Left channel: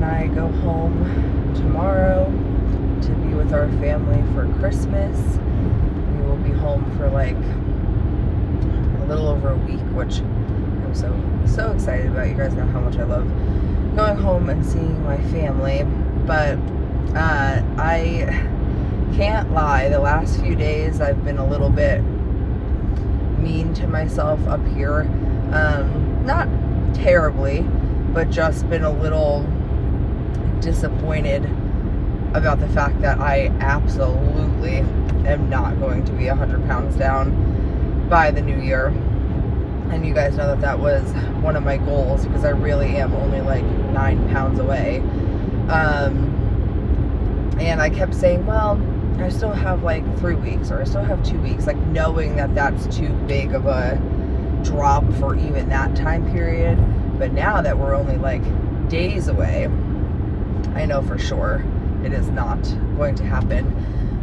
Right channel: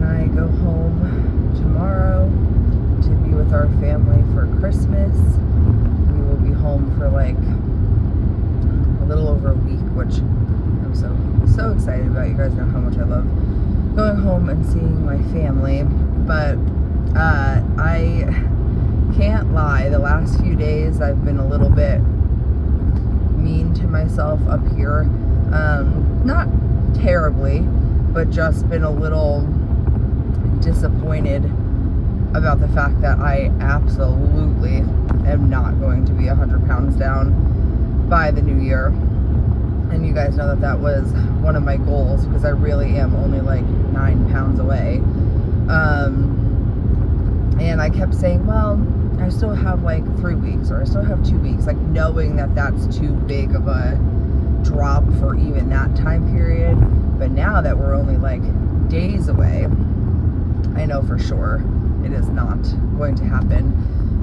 and I go home tomorrow to be with our family for Christmas. We will be home for like a little over a week, which I'm so excited about. You guys know how much I love going home and seeing my family. But I can't lie, the last few days I've been a little bit mean to myself up here. Not terribly, but just been a little disappointed about the fact that I absolutely am not going to be 100 pounds down by the new year. And you guys know that that was one of my goals, because I really am only like 9 pounds away. And I kept saying, well, I still have like 3 weeks, or I still have 2 weeks, like knowing that that's too big of a drop for even that time period. But now that we're only like days away, I know for sure it is not going to happen.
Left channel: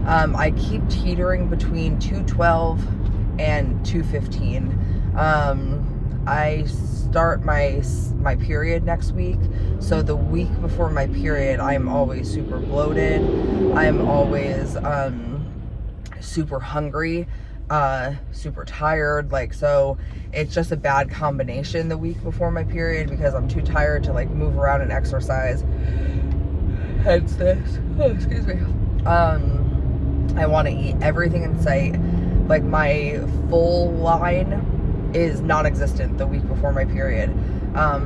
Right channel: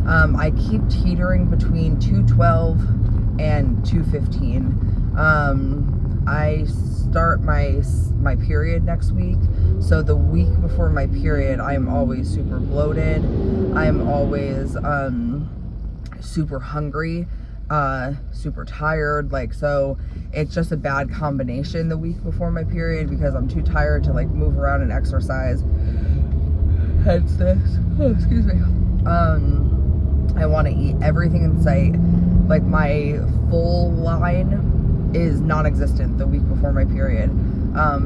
I keep teetering between 212 and 215. I start my period next week, so the week before my period I'm always super bloated. I'm always super hungry, super tired, like, so it's just a bad combination the week before my period, because I'm too tired to like move around and exercise. Hence this. Oh, excuse me. I want to eat everything in sight. Like, my full line is non-existent the week before my period.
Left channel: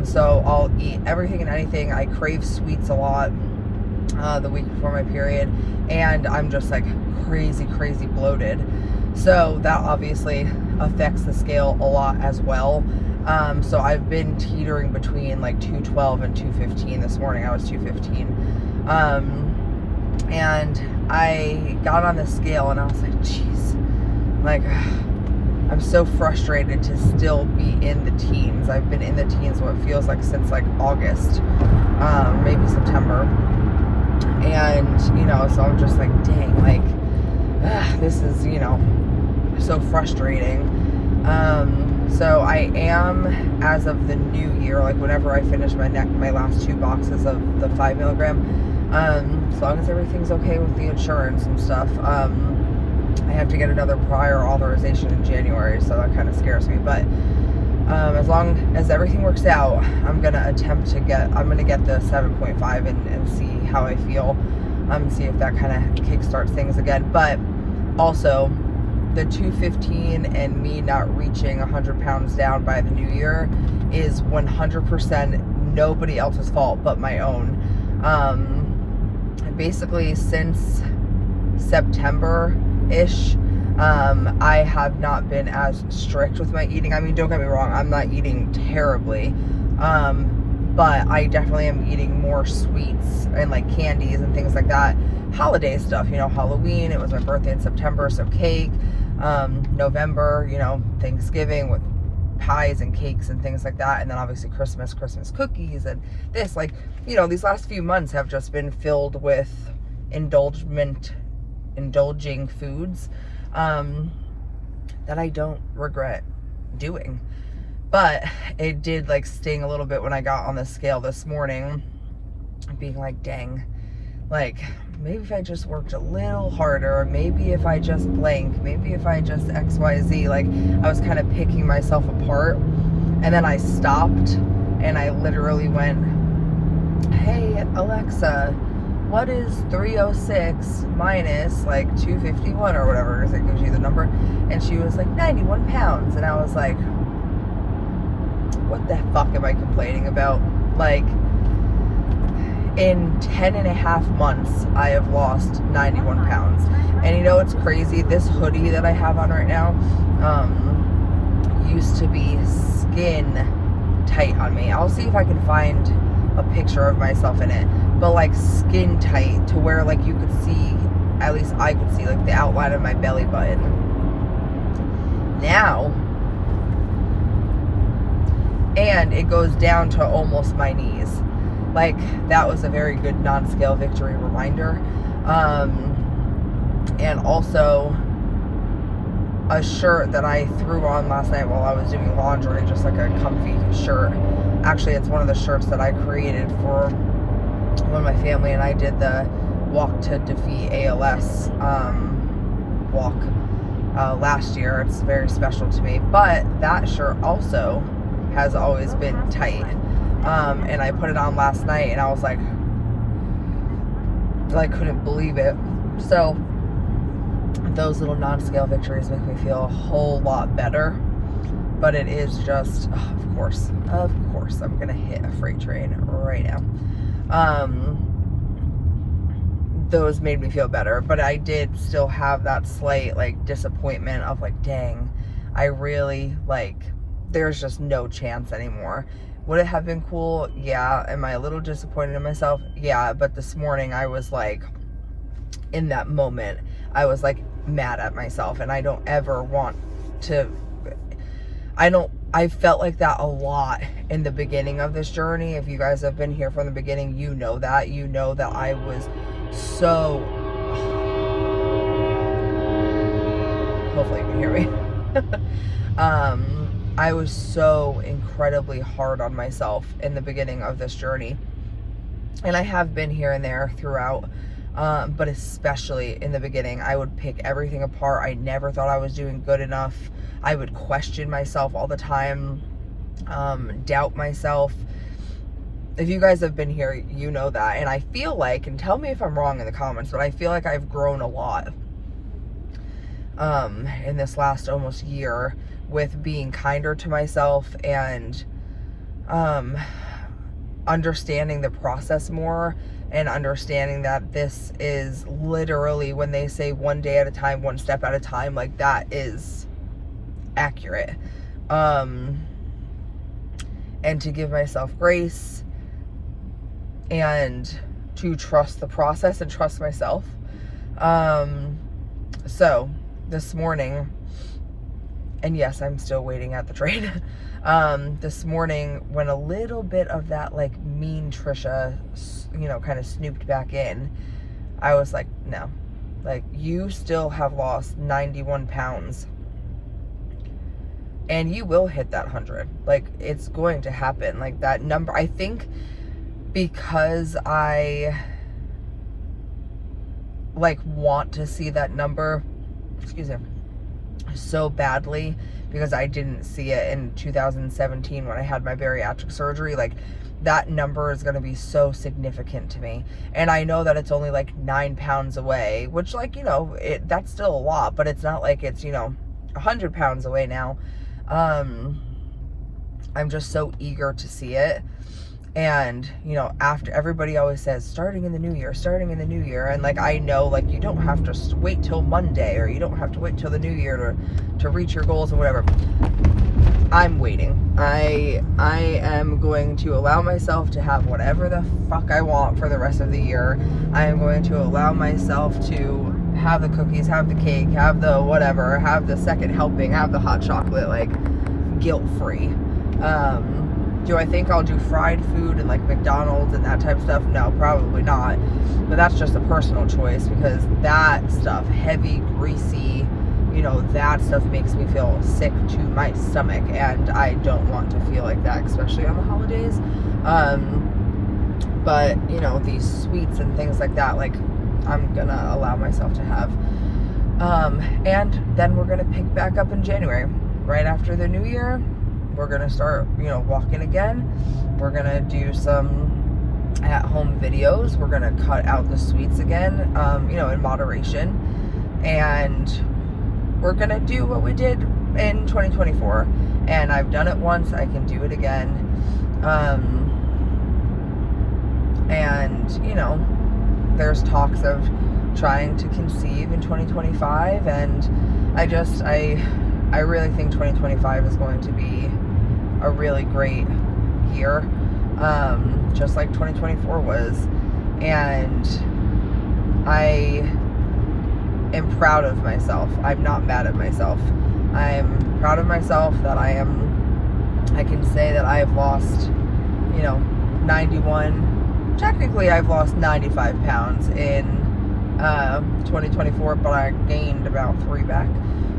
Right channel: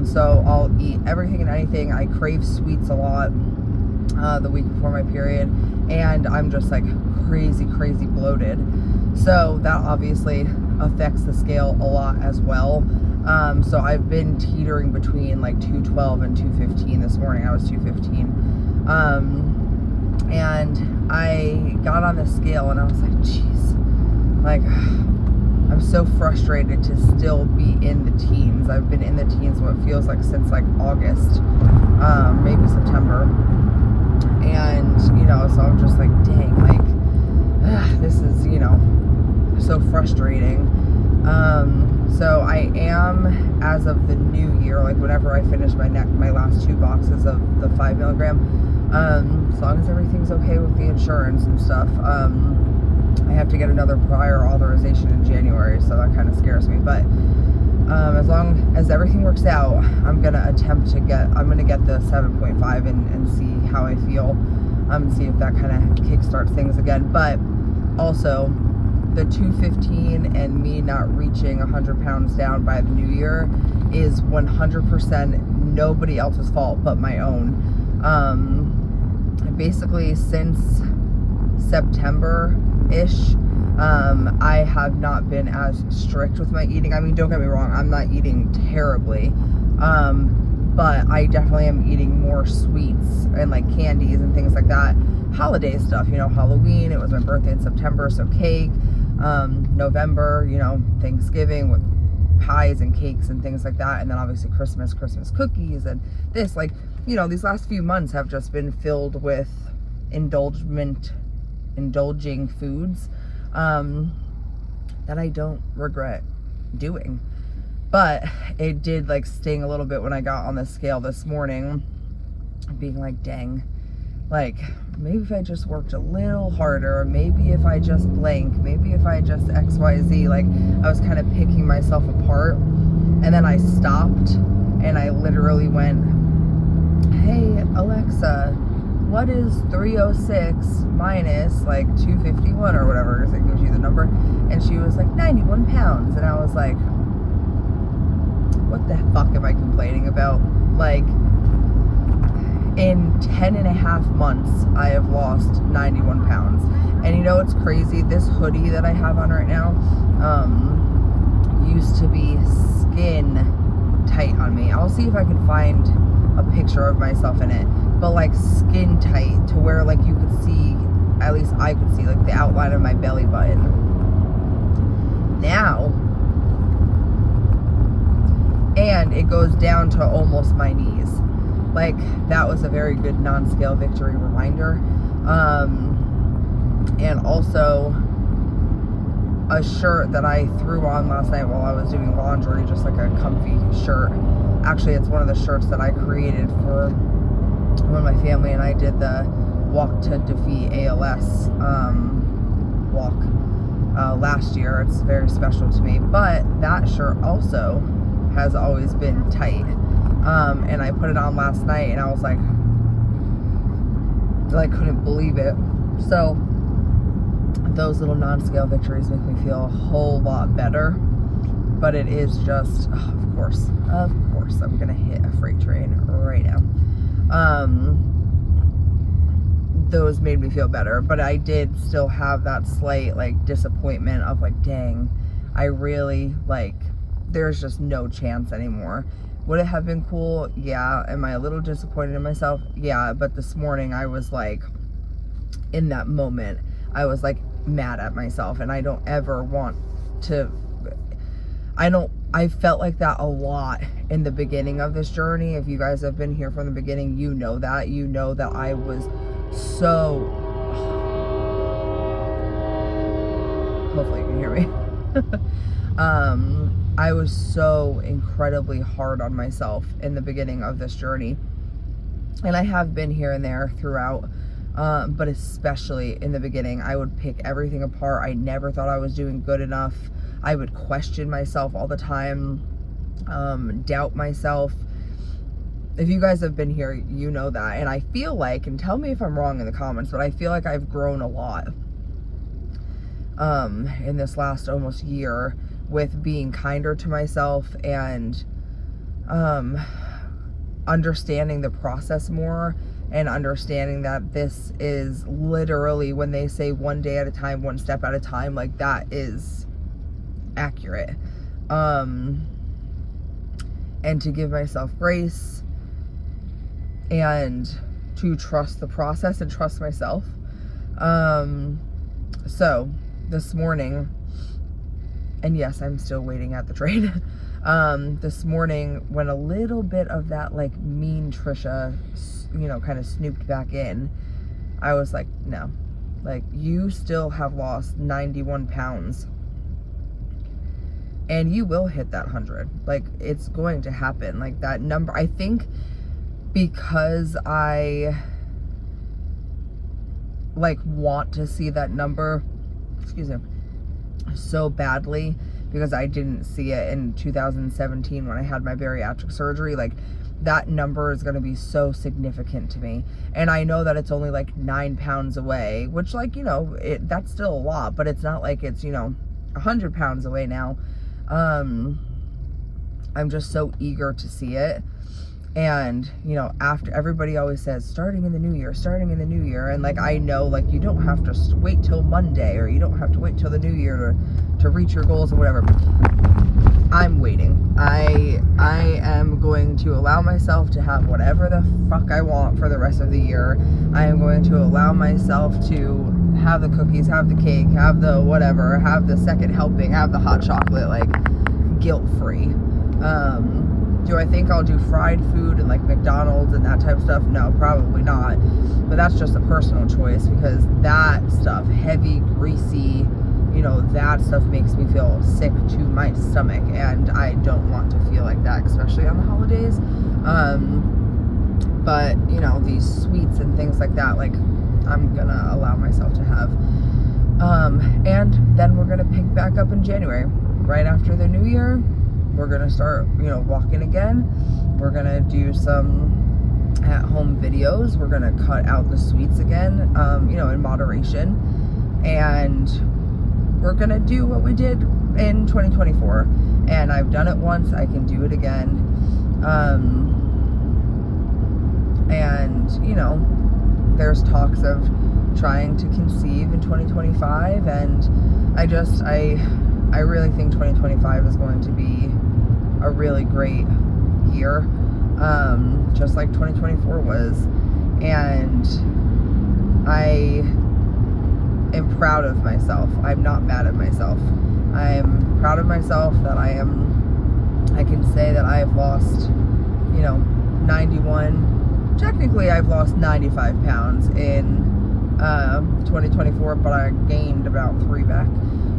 So I'll eat everything and anything. I crave sweets a lot the week before my period, and I'm just like crazy bloated. So that obviously affects the scale a lot as well. So I've been teetering between like 212 and 215. This morning I was 215. And I got on the scale and I was like, geez, like, I'm so frustrated to still be in the teens. I've been in the teens what feels like since like August, maybe September. And, you know, so I'm just like, dang, like, this is, you know, so frustrating. So I am, as of the new year, like whenever I finish my last 2 boxes of the 5 milligram, as long as everything's okay with the insurance and stuff, I have to get another prior authorization in January, so that kind of scares me. But as long as everything works out, I'm gonna get the 7.5 and see how I feel, see if that kind of kickstarts things again. But also, the 215 and me not reaching 100 pounds down by the new year is 100% nobody else's fault but my own. Basically, since September-ish, I have not been as strict with my eating. I mean, don't get me wrong, I'm not eating terribly, but I definitely am eating more sweets and like candies and things like that. Holiday stuff, you know, Halloween, it was my birthday in September, so cake. November, you know, Thanksgiving with pies and cakes and things like that. And then obviously Christmas cookies, and this, like, you know, these last few months have just been filled with indulging foods that I don't regret doing. But it did like sting a little bit when I got on the scale this morning, being like, dang, like, maybe if I just worked a little harder, maybe if I just blank, maybe if I just XYZ, like, I was kind of picking myself apart. And then I stopped and I literally went, hey Alexa, what is 306 minus like 251 or whatever, because it gives you the number? And she was like, 91 pounds. And I was like, what the fuck am I complaining about? Like, in 10 and a half months, I have lost 91 pounds. And you know what's crazy? This hoodie that I have on right now used to be skin tight on me. I'll see if I can find a picture of myself in it. But like skin tight to where like you could see, at least I could see, like the outline of my belly button. Now, and it goes down to almost my knees. Like, that was a very good non-scale victory reminder. And also a shirt that I threw on last night while I was doing laundry, just like a comfy shirt. Actually, it's one of the shirts that I created for when my family and I did the Walk to Defeat ALS walk last year. It's very special to me. But that shirt also has always been tight. And I put it on last night and I was like, I couldn't believe it. So those little non-scale victories make me feel a whole lot better. But it is just, of course, I'm gonna hit a freight train right now. Those made me feel better, but I did still have that slight like disappointment of like, dang, I really like, there's just no chance anymore. Would it have been cool? Yeah. Am I a little disappointed in myself? Yeah. But this morning I was like, in that moment, I was like mad at myself, and I don't ever want to, I felt like that a lot in the beginning of this journey. If you guys have been here from the beginning, you know that I was so, hopefully you can hear me. I was so incredibly hard on myself in the beginning of this journey. And I have been here and there throughout, but especially in the beginning, I would pick everything apart. I never thought I was doing good enough. I would question myself all the time, doubt myself. If you guys have been here, you know that. And I feel like, and tell me if I'm wrong in the comments, but I feel like I've grown a lot in this last almost year with being kinder to myself and understanding the process more, and understanding that this is literally, when they say one day at a time, one step at a time, like that is accurate. And to give myself grace and to trust the process and trust myself. So this morning, and yes, I'm still waiting at the train. This morning, when a little bit of that like mean Trisha, kind of snooped back in, I was like, no, like, you still have lost 91 pounds and you will hit that 100. Like, it's going to happen. Like, that number, I think, because I like want to see that number, excuse me, so badly, because I didn't see it in 2017 when I had my bariatric surgery. Like, that number is going to be so significant to me. And I know that it's only like 9 pounds away, which, like, that's still a lot, but it's not like it's, 100 pounds away now. I'm just so eager to see it. And, after, everybody always says, starting in the new year. And like, I know, like, you don't have to wait till Monday, or you don't have to wait till the new year to reach your goals or whatever. I'm waiting. I am going to allow myself to have whatever the fuck I want for the rest of the year. I am going to allow myself to have the cookies, have the cake, have the whatever, have the second helping, have the hot chocolate, like, guilt-free. Do I think I'll do fried food and like McDonald's and that type of stuff? No, probably not. But that's just a personal choice, because that stuff, heavy, greasy, that stuff makes me feel sick to my stomach, and I don't want to feel like that, especially on the holidays. But these sweets and things like that, like, I'm gonna allow myself to have. And then we're gonna pick back up in January, right after the new year. We're gonna start, walking again. We're gonna do some at-home videos. We're gonna cut out the sweets again, in moderation. And we're gonna do what we did in 2024. And I've done it once, I can do it again. And, there's talks of trying to conceive in 2025. And I really think 2025 is going to be a really great year, just like 2024 was. And I am proud of myself. I'm not mad at myself. I'm proud of myself that I can say that I have lost, 91, technically I've lost 95 pounds in 2024, but I gained about 3 back.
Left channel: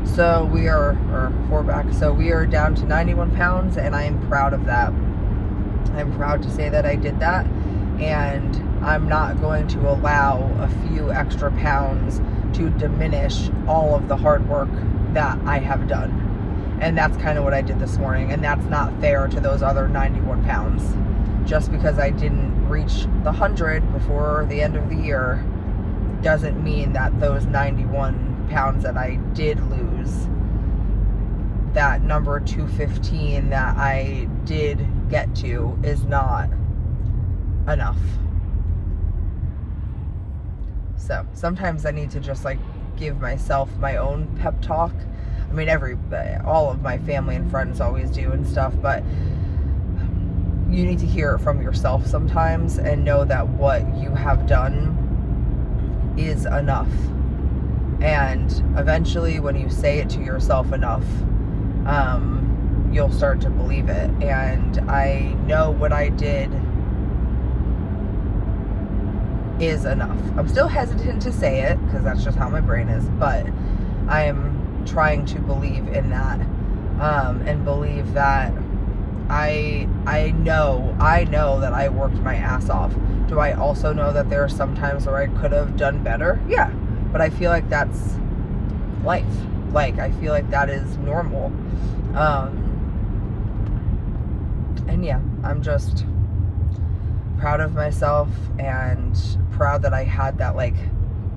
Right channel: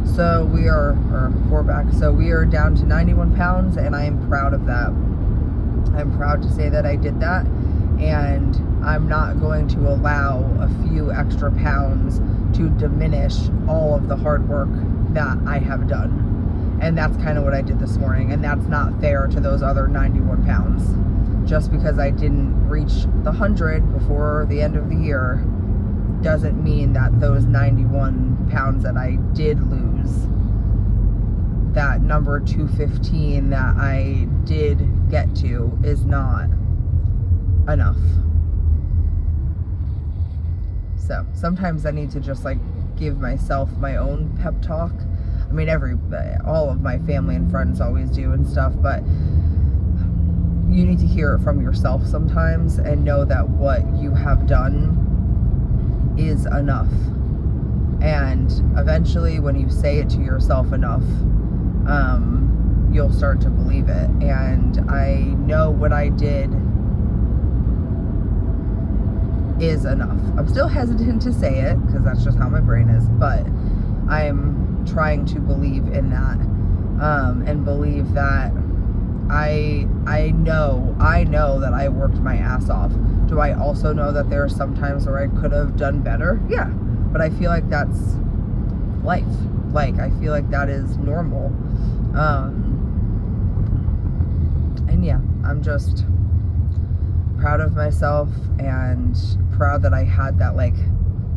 So we are, or 4 back. So we are down to 91 pounds, and I am proud of that. I'm proud to say that I did that. and I'm not going to allow a few extra pounds to diminish all of the hard work that I have done. And that's kind of what I did this morning, and that's not fair to those other 91 pounds. Just because I didn't reach the 100 before the end of the year doesn't mean that those 91 pounds that I did lose, that number 215 that I did get to, is not enough. So sometimes I need to just like give myself my own pep talk. I mean, all of my family and friends always do and stuff, but you need to hear it from yourself sometimes and know that what you have done is enough. And eventually, when you say it to yourself enough, you'll start to believe it. And I know what I did is enough. I'm still hesitant to say it because that's just how my brain is, but I'm trying to believe in that, and believe that I know that I worked my ass off. Do I also know that there are some times where I could have done better? Yeah, but I feel like that's life. Like, I feel like that is normal. And yeah, I'm just proud of myself and proud that I had that like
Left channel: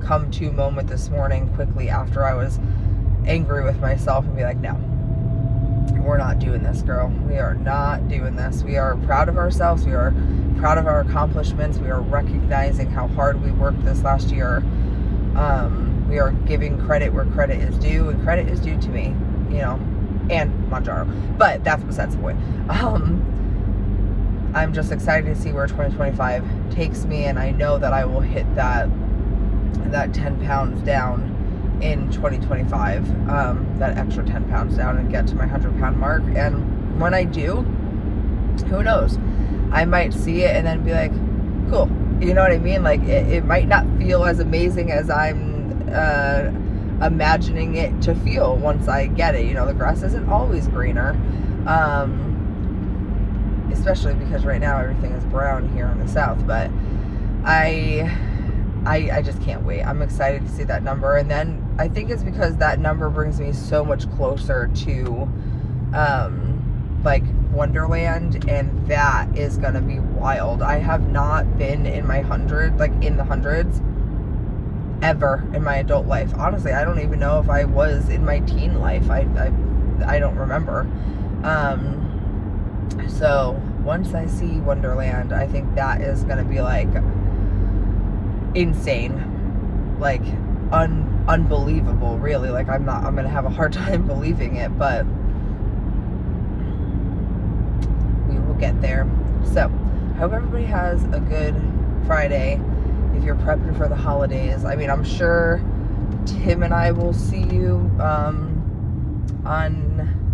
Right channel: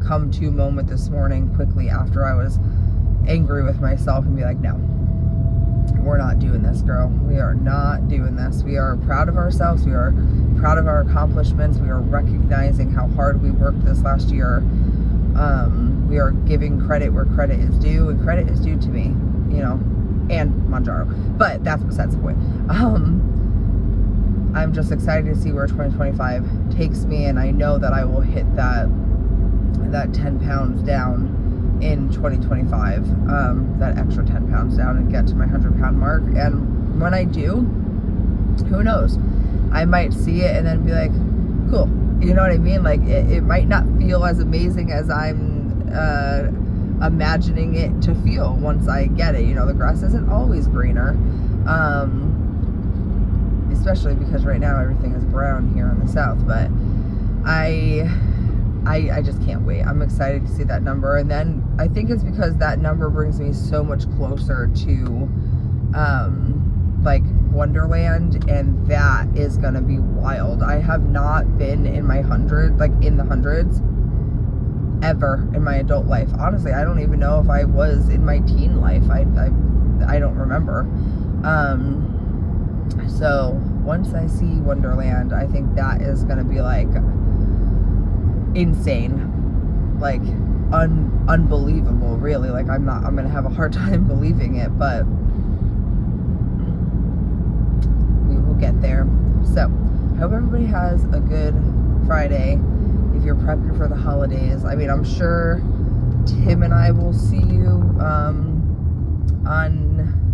come to moment this morning quickly after I was angry with myself and be like, no, we're not doing this, girl. We are not doing this. We are proud of ourselves. We are proud of our accomplishments. We are recognizing how hard we worked this last year. We are giving credit where credit is due, and credit is due to me, you know, and Manjaro. But that's besides the point. I'm just excited to see where 2025 takes me, and I know that I will hit that 10 pounds down in 2025, that extra 10 pounds down, and get to my 100-pound mark. And when I do, who knows? I might see it and then be like, cool. You know what I mean? Like, it might not feel as amazing as I'm imagining it to feel once I get it. You know, the grass isn't always greener, especially because right now everything is brown here in the South. But I just can't wait. I'm excited to see that number. And then I think it's because that number brings me so much closer to like Wonderland, and that is gonna be wild. I have not been in my in the hundreds ever in my adult life. Honestly, I don't even know if I was in my teen life. I don't remember. So once I see Wonderland, I think that is gonna be like insane, like unbelievable, really. Like, I'm gonna have a hard time believing it, but we will get there. So I hope everybody has a good Friday if you're prepping for the holidays. I mean, I'm sure Tim and I will see you on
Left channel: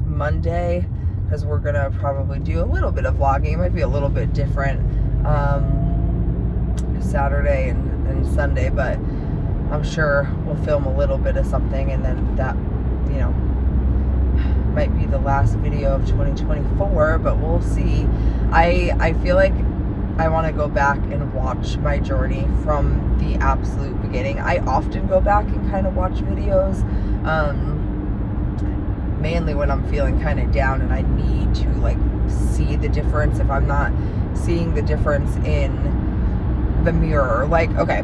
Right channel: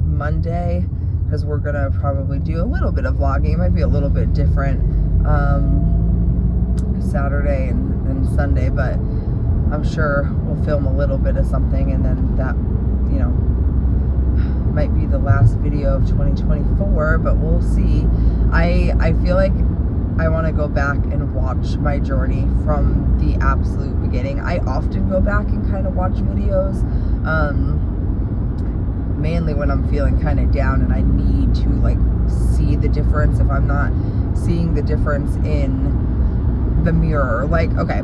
Monday, because we're gonna probably do a little bit of vlogging. It might be a little bit different Saturday and Sunday, but I'm sure we'll film a little bit of something, and then that, you know, might be the last video of 2024, but we'll see. I feel like I want to go back and watch my journey from the absolute beginning. I often go back and kind of watch videos, mainly when I'm feeling kind of down and I need to like see the difference. If I'm not seeing the difference in the mirror, like, okay,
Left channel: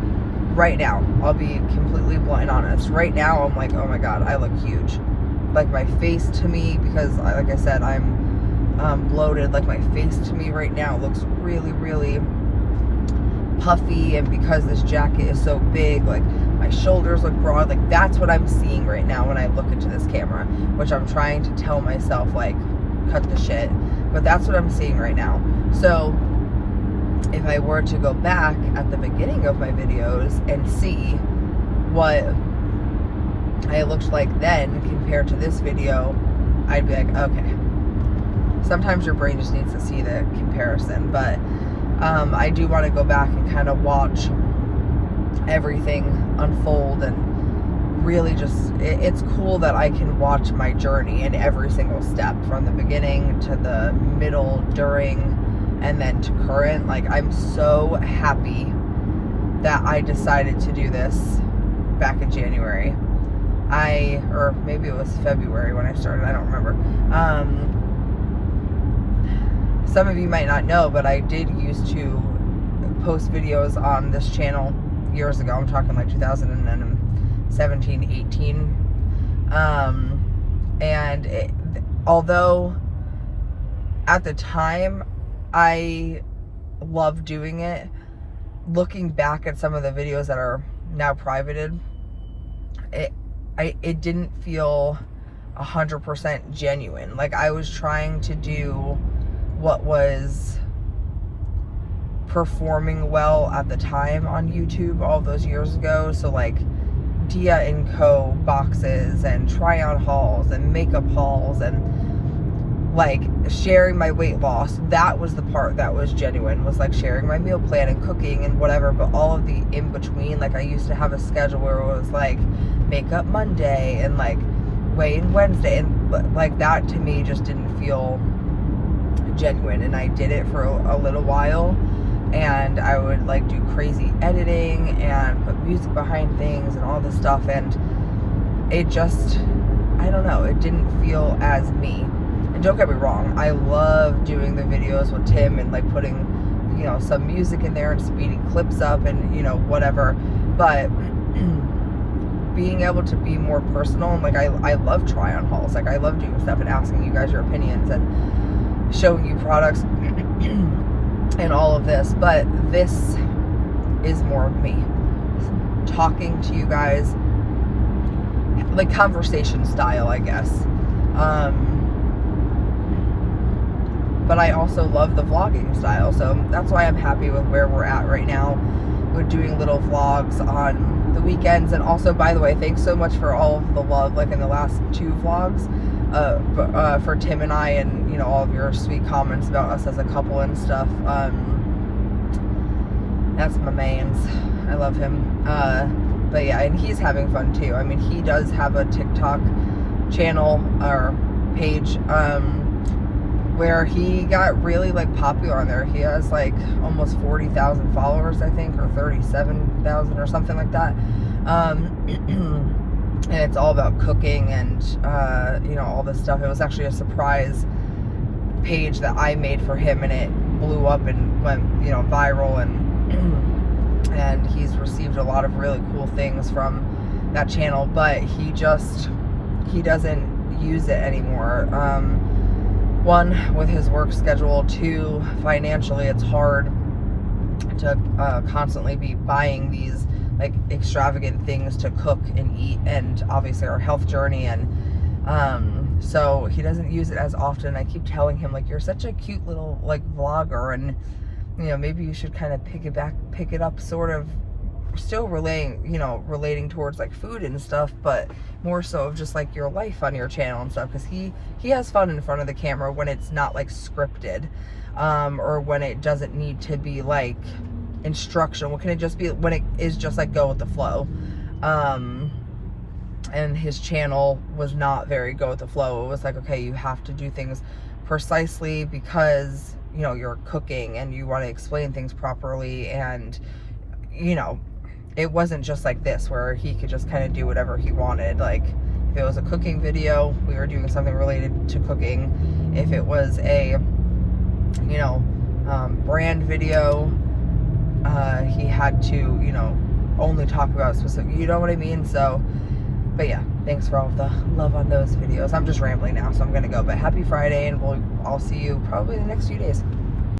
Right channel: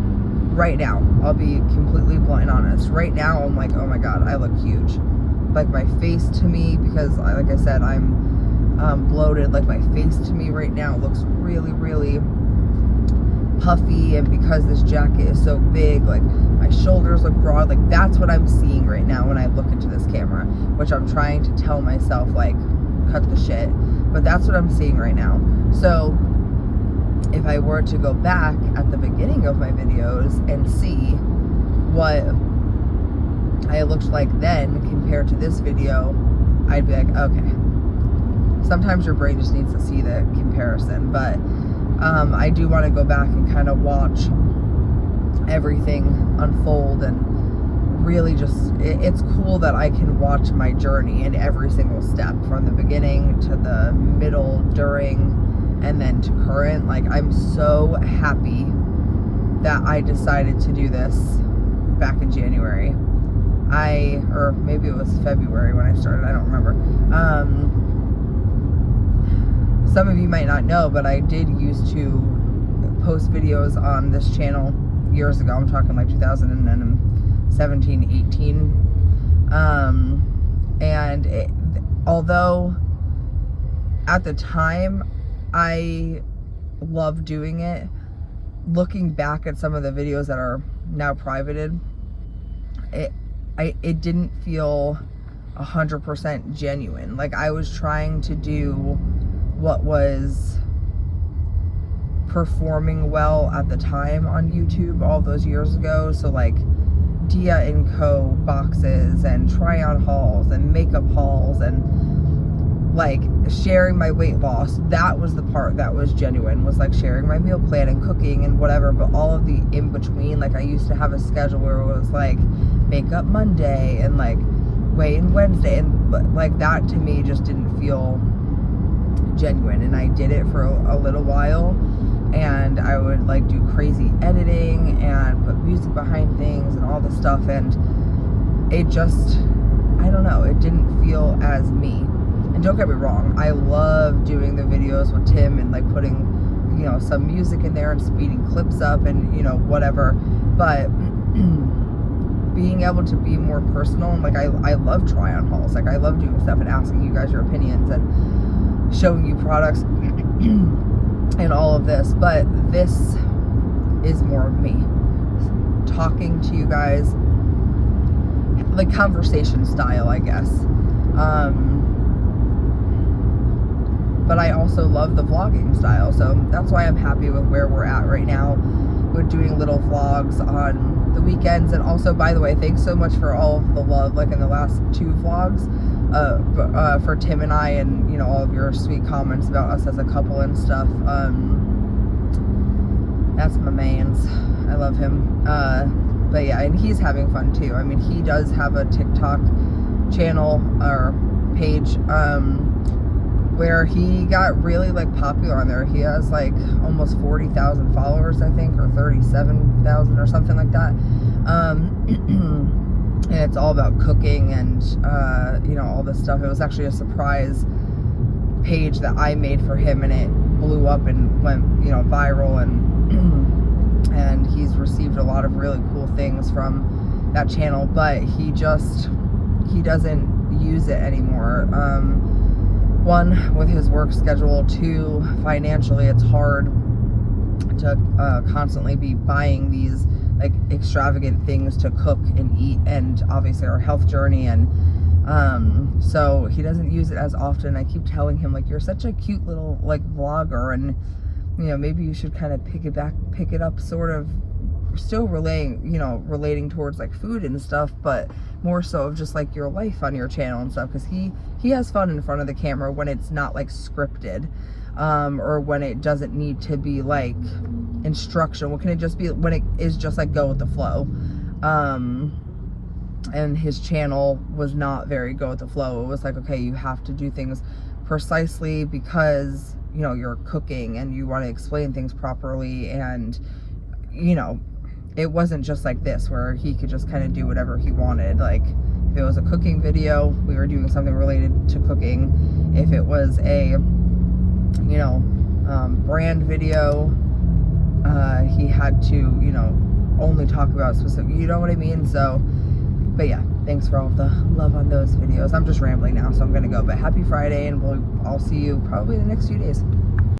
right now, I'll be completely blunt and honest. Right now, I'm like, oh my God, I look huge. Like, my face to me, because like I said, I'm bloated, like my face to me right now looks really, really puffy, and because this jacket is so big, like my shoulders look broad. Like, that's what I'm seeing right now when I look into this camera, which I'm trying to tell myself, like, cut the shit, but that's what I'm seeing right now. So if I were to go back at the beginning of my videos and see what I looked like then compared to this video, I'd be like, okay. Sometimes your brain just needs to see the comparison, but I do want to go back and kind of watch everything unfold, and really just, it's cool that I can watch my journey in every single step, from the beginning to the middle, during, and then to current, like, I'm so happy that I decided to do this back in January. Or maybe it was February when I started, I don't remember. Some of you might not know, but I did used to post videos on this channel years ago. I'm talking like 2017, 18. Although at the time I loved doing it, looking back at some of the videos that are now privated, it didn't feel 100% genuine. Like, I was trying to do what was performing well at the time on YouTube all those years ago. So like Dia & Co boxes and try on hauls and makeup hauls and like sharing my weight loss. That was the part that was genuine, was like sharing my meal plan and cooking and whatever. But all of the in between, like I used to have a schedule where it was like makeup Monday and like weigh-in Wednesday, and like that to me just didn't feel genuine. And I did it for a little while, and I would like do crazy editing and put music behind things and all this stuff, and it just, I don't know, it didn't feel as me. And don't get me wrong, I love doing the videos with Tim and like putting, you know, some music in there and speeding clips up and, you know, whatever. But being able to be more personal, and like I love try on hauls. Like I love doing stuff and asking you guys your opinions and showing you products and all of this. But this is more of me talking to you guys, like conversation style, I guess. But I also love the vlogging style, so that's why I'm happy with where we're at right now. We're doing little vlogs on the weekends. And also, by the way, thanks so much for all of the love, like in the last 2 vlogs, for Tim and I, and you know, all of your sweet comments about us as a couple and stuff. That's my man's. I love him. But yeah, and he's having fun too. I mean, he does have a TikTok channel or page, where he got really like popular on there. He has like almost 40,000 followers, I think, or 37,000 or something like that. And it's all about cooking and you know, all this stuff. It was actually a surprise page that I made for him, and it blew up and went, you know, viral, and and he's received a lot of really cool things from that channel. But he doesn't use it anymore. 1, with his work schedule. 2, financially, it's hard to constantly be buying these like extravagant things to cook and eat, and obviously our health journey, and so he doesn't use it as often. I keep telling him, like, you're such a cute little like vlogger, and you know, maybe you should kind of pick it up, sort of still relating towards like food and stuff, but more so of just like your life on your channel and stuff, because he has fun in front of the camera when it's not like scripted, or when it doesn't need to be like instructional. What can it just be when it is just like go with the flow? And his channel was not very go with the flow. It was like, okay, you have to do things precisely because, you know, you're cooking and you want to explain things properly, and you know, it wasn't just like this where he could just kind of do whatever he wanted. Like if it was a cooking video, we were doing something related to cooking. If it was a, you know, brand video, he had to, you know, only talk about specific, you know what I mean? So, but yeah, thanks for all of the love on those videos. I'm just rambling now, so I'm gonna go. But happy Friday, and I'll see you probably in the next few days.